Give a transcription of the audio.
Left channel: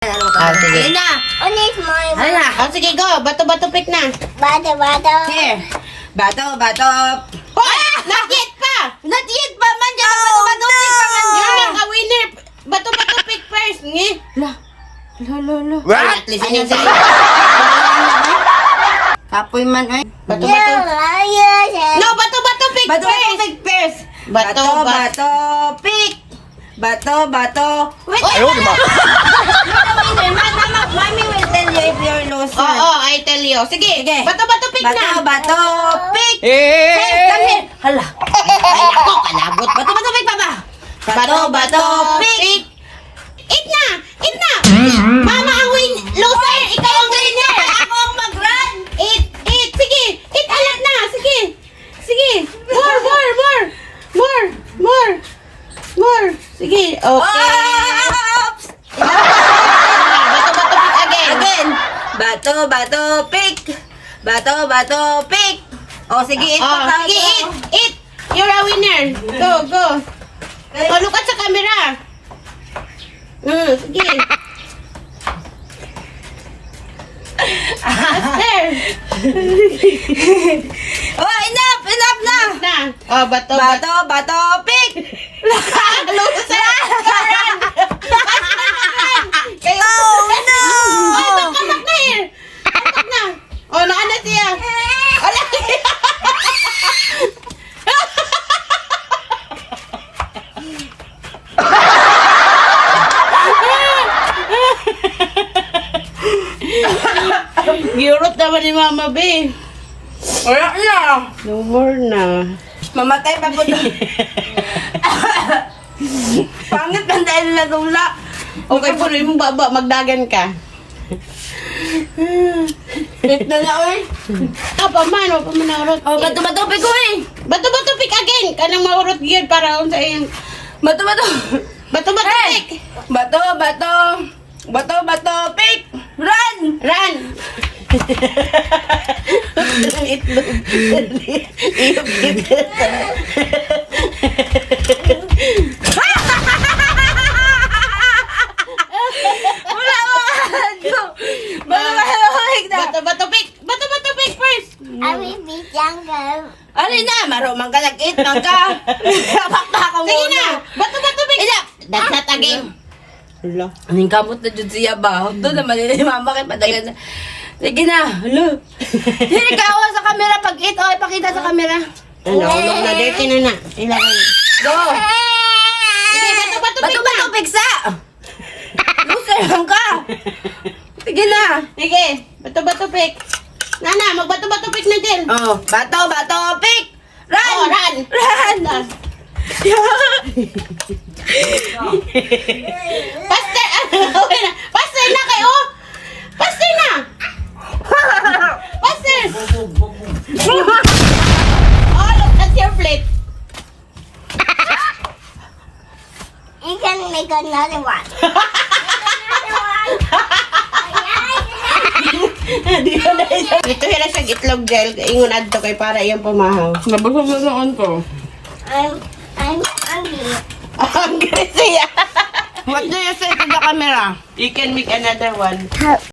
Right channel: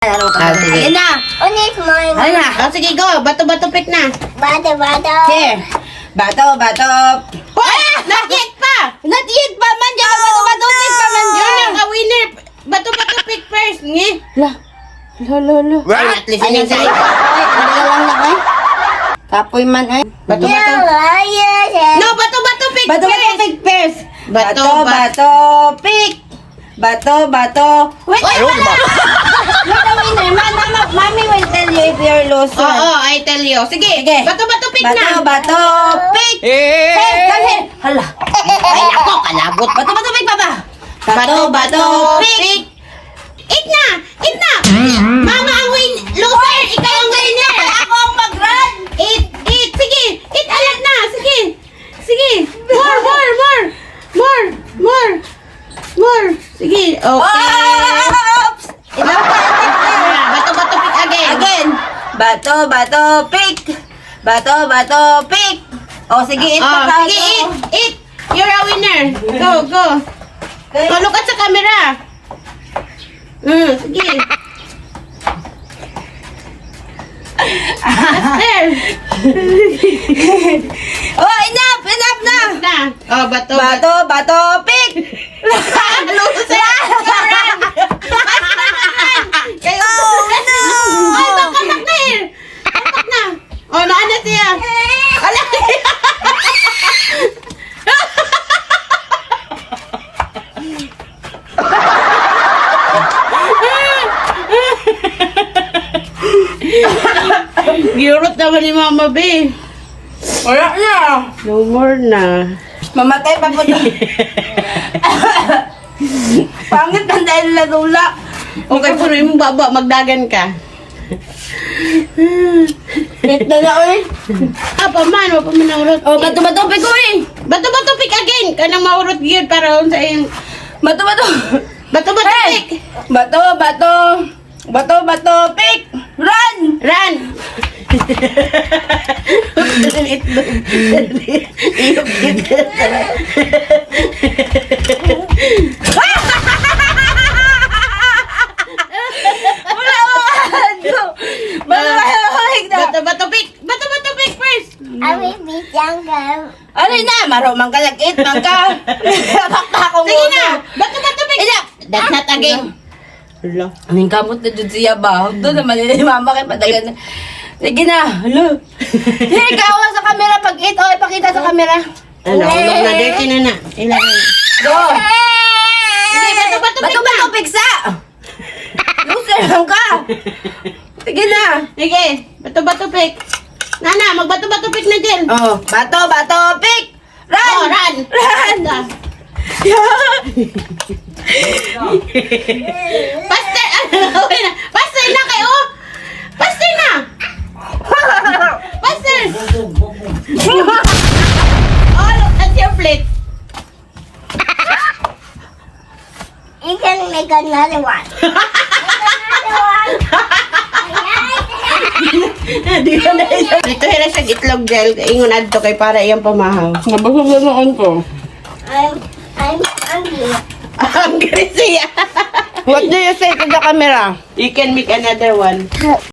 Sige. Ayan na. Ulit mo yung Ayan na. Sige, go. Bato-bato pick na. bata-bata. Here. Bato. Hoy! Not yet pa! Not yet pa man dyan. Bato pick pa man You're dyan. not a winner. Bato-bato pick first. Nge? La. At least yun yung sa'yo. Kapoy man ay. Bato-bato. No, bato-bato pick Bato first. pick first. Bato, Pick. Bato. Wait. Oy! Mami will tell you if you're loser. Oo, I tell you. Sige, bato-bato pick na. Bato, pick. Dali. Hala. Ay, ako, kalabot. Bato, pick pa ba? Bato, pick. Eat na! Mama ang loser. Ikaw ang winner. Ako ang mag-run. Eat. Sige, eat alat na. Sige. More. Sige, okay. Oops. Bato-bato pick again. Bato, pick. Bato, pick. O, sige, eat pa ka. Sige, eat. You're a winner. Go. Malukat sa camera. Sige. Master. Oh, enough na. Na. Oh, bato. Bato, pick. Loser. Kayo. Oh, no. Ay, kamak na here. Kamak na. Oh, naana siya. Ala. Giyurot naman ni Mama B. Wala na. No more na. Mamatay pa po doon. Pangit man dahil ladula. Okay, puno yung baba, magdagan ka. Wait na nga, uy. Paman, mapamanarot. Oh, bato, pick ko eh. Bato pick again. Kanang maurot gyud para sa iyong Bato. bato pick. Bato, pick. Run. Run. Bato pick. Bato pick first. I will be younger. Ano na, maro man ka nag-eat man ka. Bakta ako Sige muna. na. Bato pick. That's not again. Hello. Aning kamot na dyan siya ba? Doon naman yun, mama kay padagan. Sige na, halo. Here, ikaw sa camera pag-eat. O, ipakita sa camera. Ano, ulog na dirty na na. Kailangan. Go. Sige, bato pick na. Bato, piksa. Loser lang ka. Sige na. Sige, bato pick. Nana, magbato pick na din. Oh, bato, pick. Run. Oh, run. Pastor, Pastor na kayo. Pastor na. Pastor. Oh, look at your plate. You can make another one. Dito hira siya itlog gel. Ingon adto kay para iyang pamahaw. Nabasag na noon ko. I'm hungry. Ang siya. What do you say to the camera? You can make another one.